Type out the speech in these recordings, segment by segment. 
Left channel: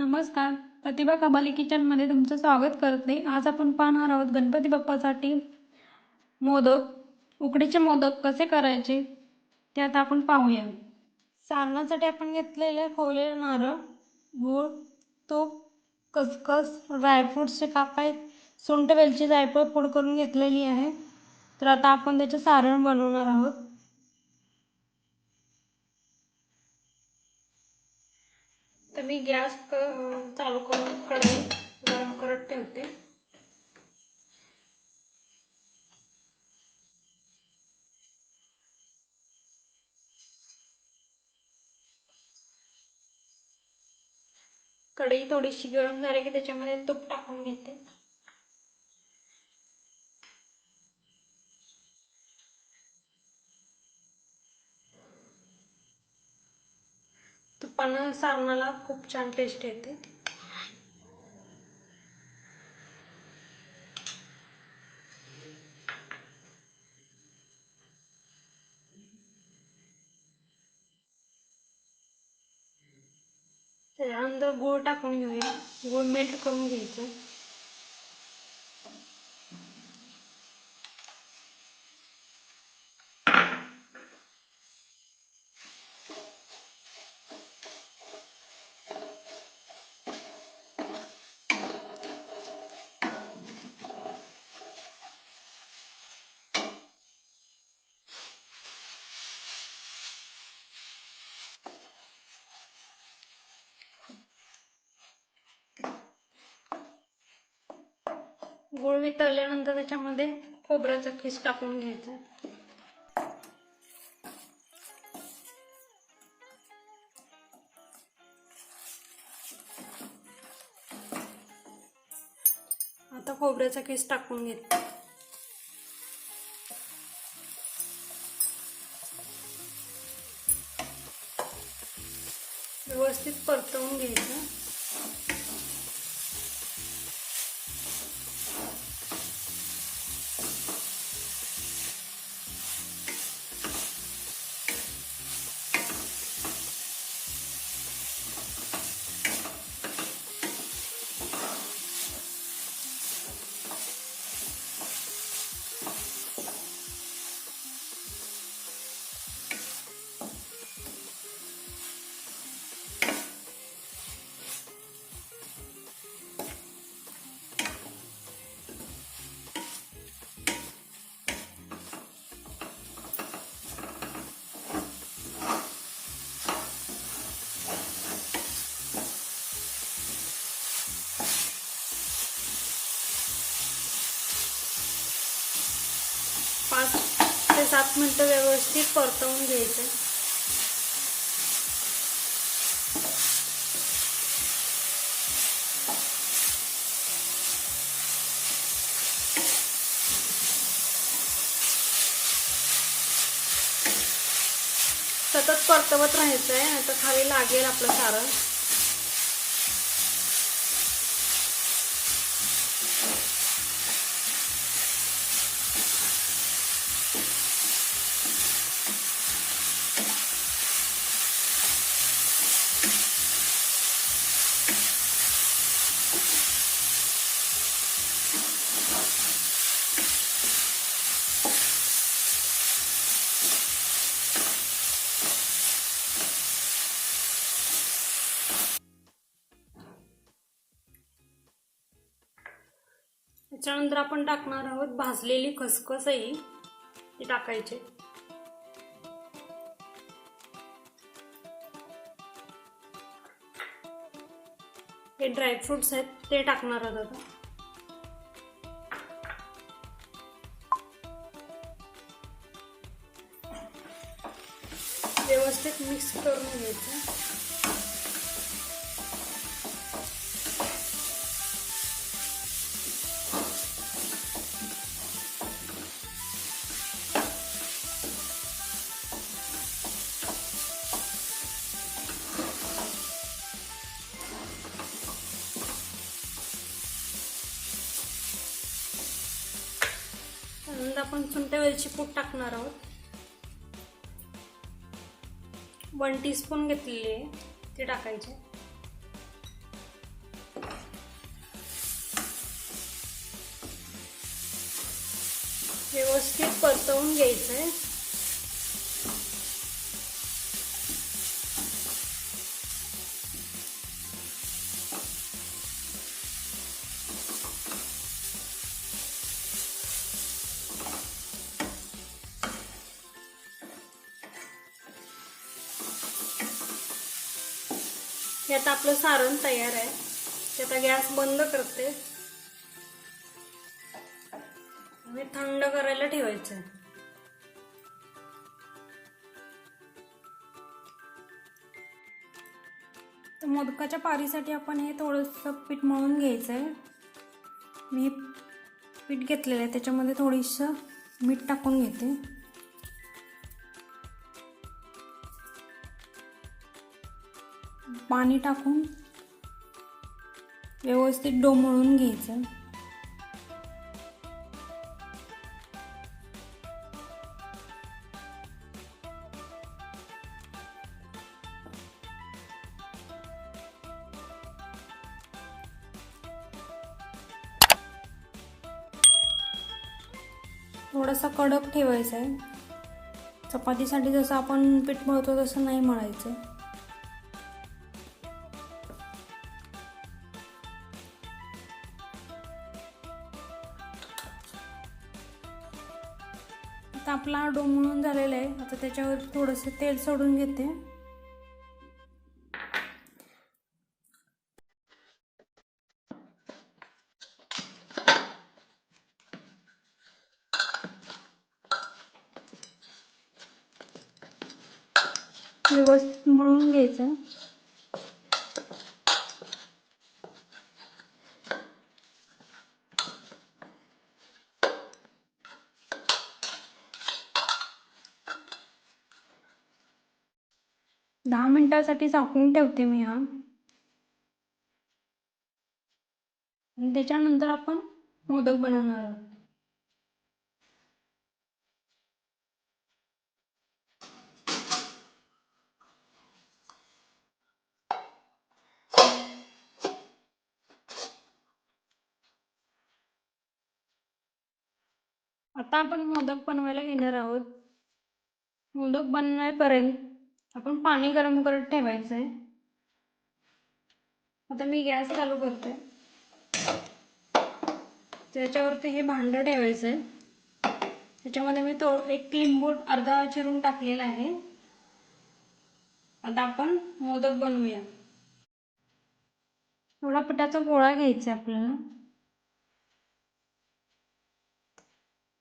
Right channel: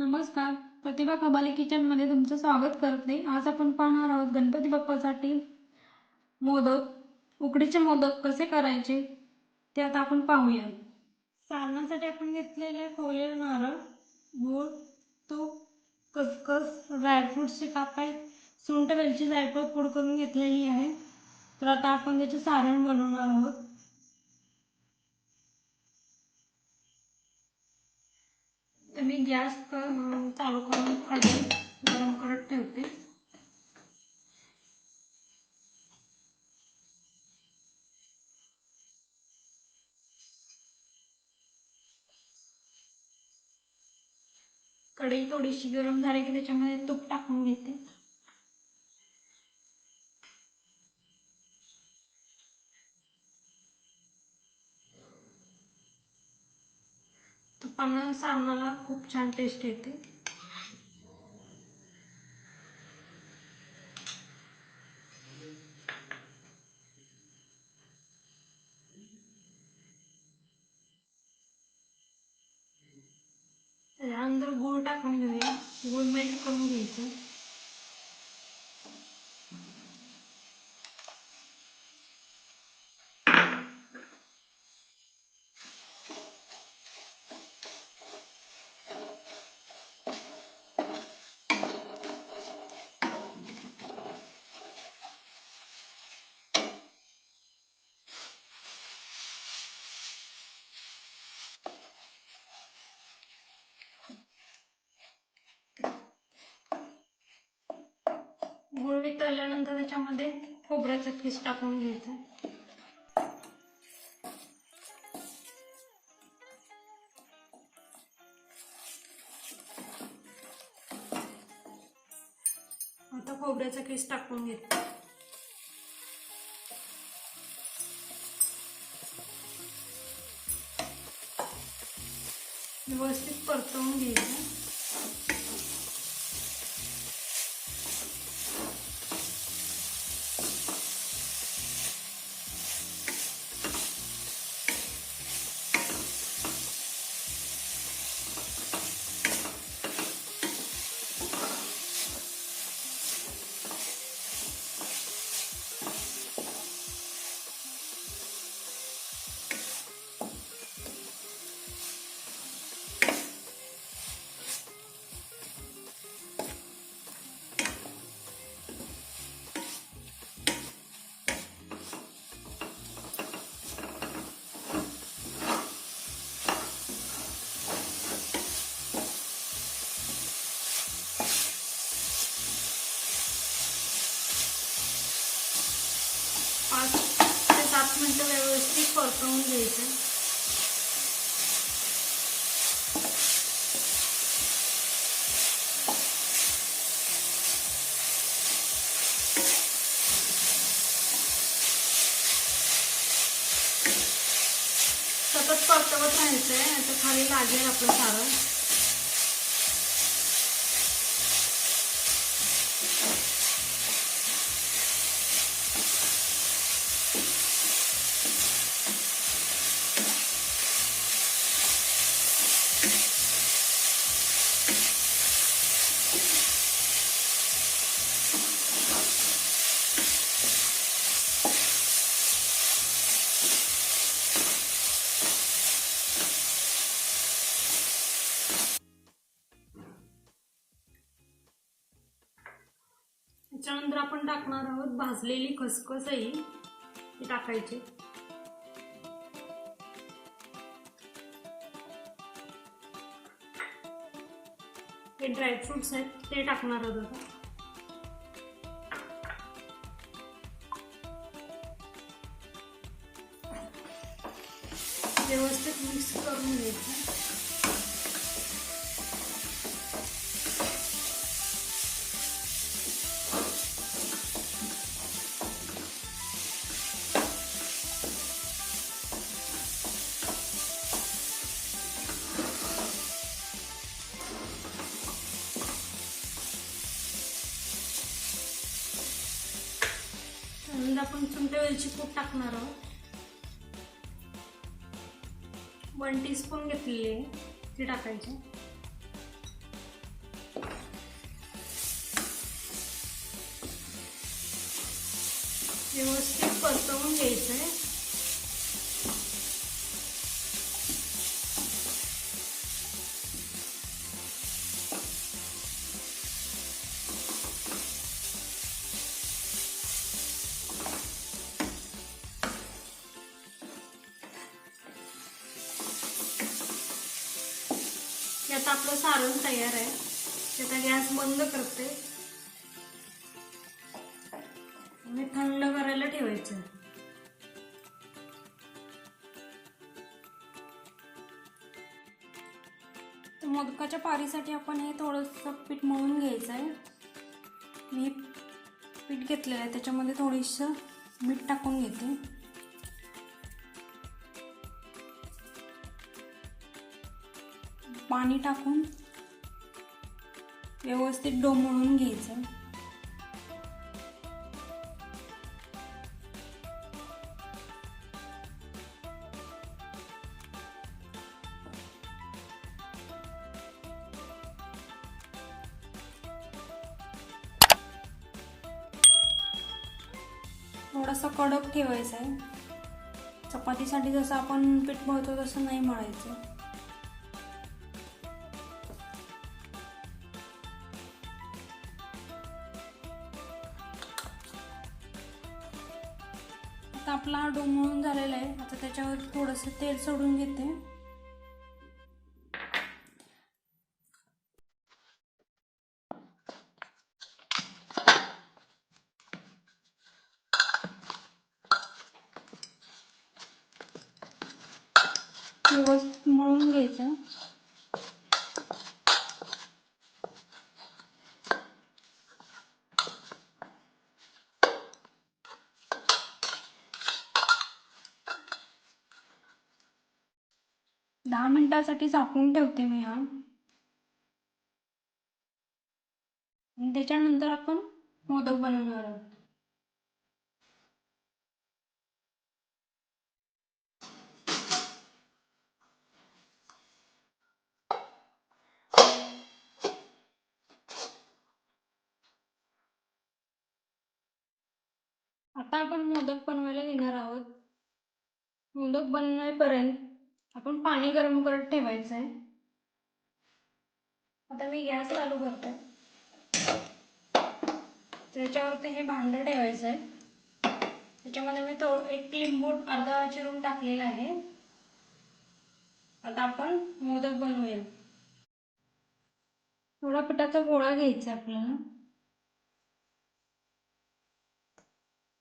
नमस्कार. प्रतिभा कबाली किचनमध्ये तुमचं स्वागत करते आज आपण पाहणार आहोत गणपती बाप्पासाठी मोदक उकडीचे मोदक कसे करायचे ते आता आपण पाहूया. सारणासाठी आपण घेतलेले खोवलेले नारळ गूळ तूप खसखस ड्रायफ्रूट्सचे काप आहेत. सुंठ वेलची जायफळ पूड करून घेतलेली आहे. तर आता आपण त्याचे सारण बनवणार आहोत. मी गॅस चालू करून कढई गरम करत ठेवते. कढई थोडीशी गरम झाली की त्याच्यामध्ये तूप टाकून घेते. तुपानं सारणाला खूप छान टेस्ट येते. त्याच्यानंतर गूळ टाकून घेऊया. गूळ मेल्ट करून घ्यायचं. गुळ मी तळल्यानंतर त्याच्यामध्ये खोबऱ्याचा किस टाकून घ्यायचा. आता खोबऱ्याचा किस टाकून घेते. व्यवस्थित परतवून घ्यायचं. मिनिटं व्यवस्थित परतवून घ्यायचं. सतत परतवत राहायचं आहे नाही तर खाली लागेल आपलं सारं. त्याच्यानंतर आपण टाकणार आहोत भाजलेली खसखसही. ती टाकायची. हे ड्रायफ्रुट्स आहेत ते टाकणार आहोत पहिल्यांदा आपण चुंट्या वेलची पूड टाकणार आहोत. वन टीस्पून घेतलेली आहे ती टाकायची. व्यवस्थित परतवून घ्यायचं आहे हे आता आपलं सारण तयार आहे. त्याचा आता गॅस बंद करते. आणि थंड करायला ठेवायचं. मोदकाच्या पारीसाठी आपण हे थोडंसं पीठ मळून घ्यायचं आहे मी पीठ घेतलेलं आहे त्याच्यामध्ये थोडीसं मीठ टाकून घेते. पाणी टाकून व्यवस्थित डोमळून घ्यायचं. थोडासा कडक ठेवायचा. आहे चपातीसाठी जसं आपण पीठ मळतो तसं नाही मळायचं. आता झालेलं आहे. आता त्याच्यावर थोडंसं तेल सोडून घेते. व्यवस्थित मळून घ्यायचं. दहा मिनिटासाठी झाकून ठेवते मी हा. त्याच्यानंतर आपण मोदक बनवणार आहोत. आता आपण मोदक बनवायला घेणार आहोत. मोदक बनण्यापर्यंत आपण पाणी गरम करत ठेवायचं आहे आता मी गॅस चालू करते. त्याच्यावरती हे भांडं ठेवायचं आहे त्याच्यामध्ये मी तो एक लिंबू अर्धा चिरून टाकलेला आहे. आता आपण मोदक बनवूया. थोडा पिठाचा गोळा घ्यायचा आहे आपल्याला.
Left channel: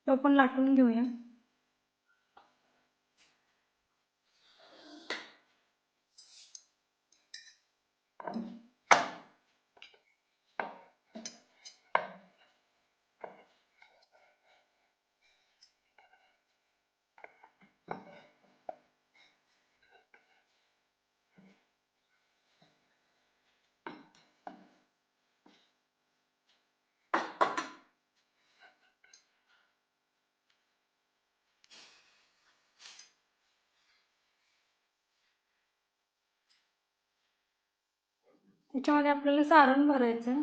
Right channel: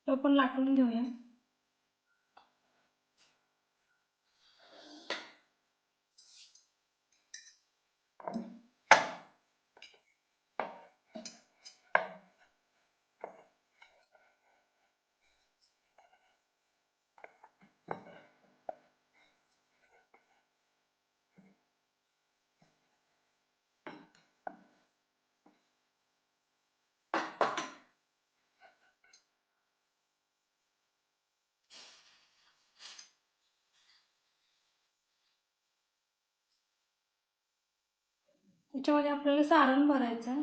तो पण लाटून घेऊया. त्याच्यामध्ये आपल्याला सारण भरायचं. आहे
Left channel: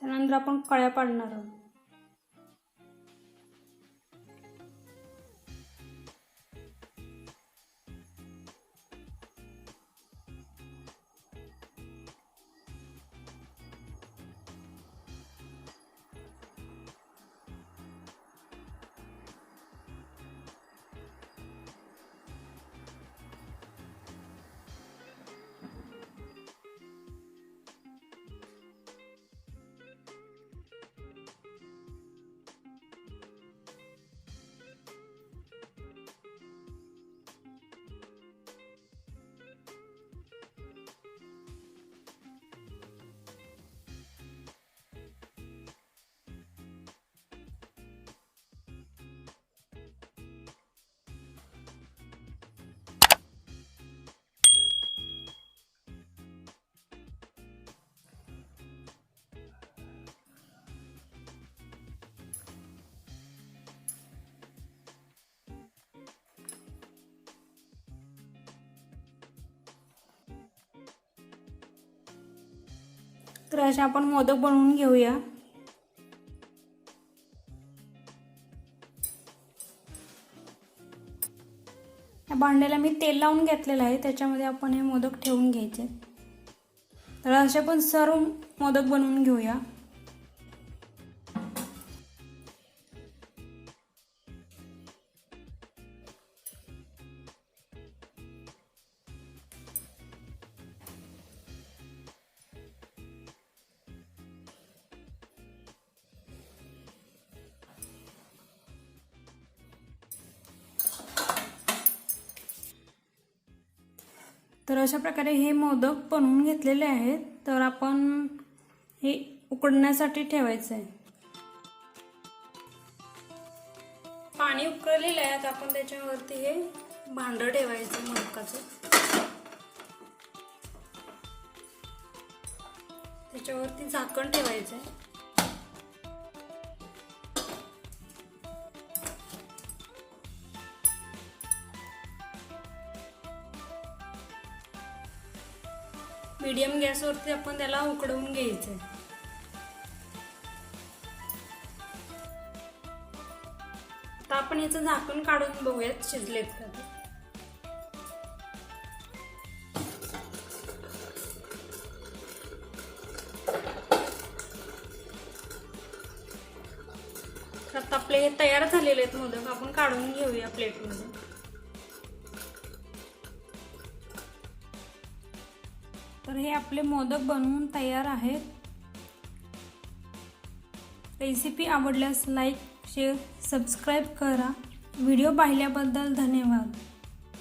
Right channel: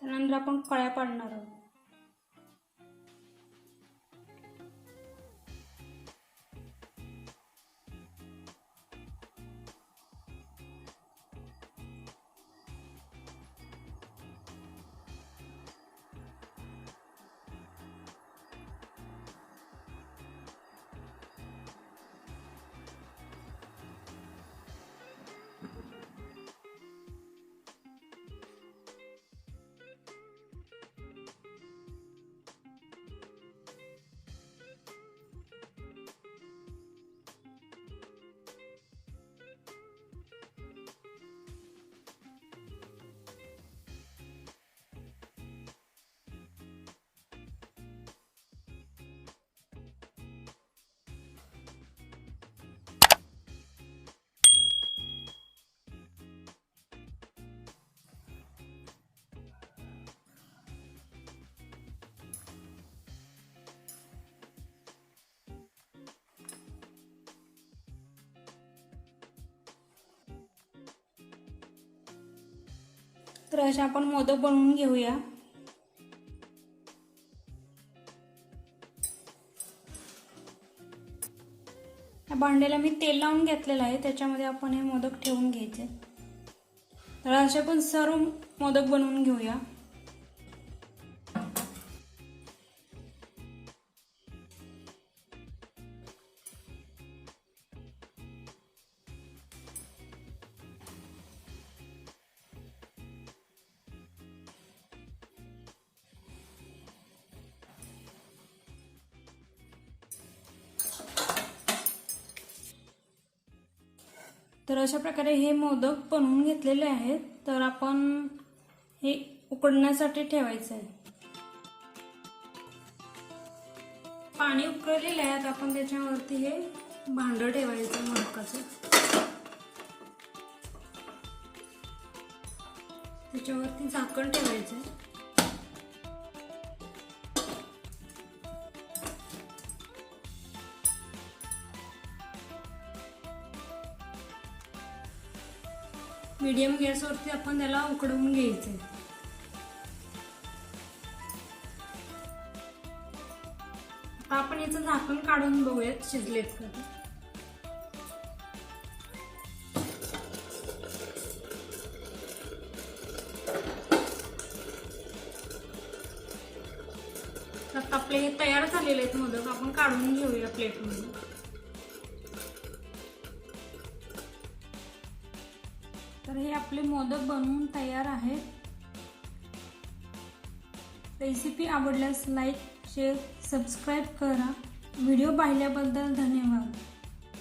त्यानंतर आपण कळ्या पाडणार आहोत. तर असे आपण मोदक बनवून घेऊया. या भांड्याला मी तेल लावून घेतलेलं आहे त्याच्यामध्ये आपण हे मोदक ठेवून घ्यायचे. तर असे पण सर्व मोदक बनवून घेऊया. तर अशा प्रकारे हे मोदक बनवून घेतलेले आहेत. तर आपण हे उकडण्यासाठी ठेवायचं आहे पाणी उकळलेलं आहे. आता आपण त्याच्यावरती हे भांडं ठेवायचं मोदकाचं. त्याच्यावरती झाकण ठेवायचं मीडियम गॅसवरती आपण त्याला उकडवून घ्यायचंय. आता आपण याचं झाकण काढून बघूयात शिजलेत का आता आपले हे तयार झालेले आहेत मोदक आपण काढून घेऊया प्लेटमध्ये आपले मोदक बनवून तयार आहेत. रेसिपी आवडल्यास लाईक शेअर सबस्क्राईब करा. व्हिडिओ पाहिल्याबद्दल धन्यवाद.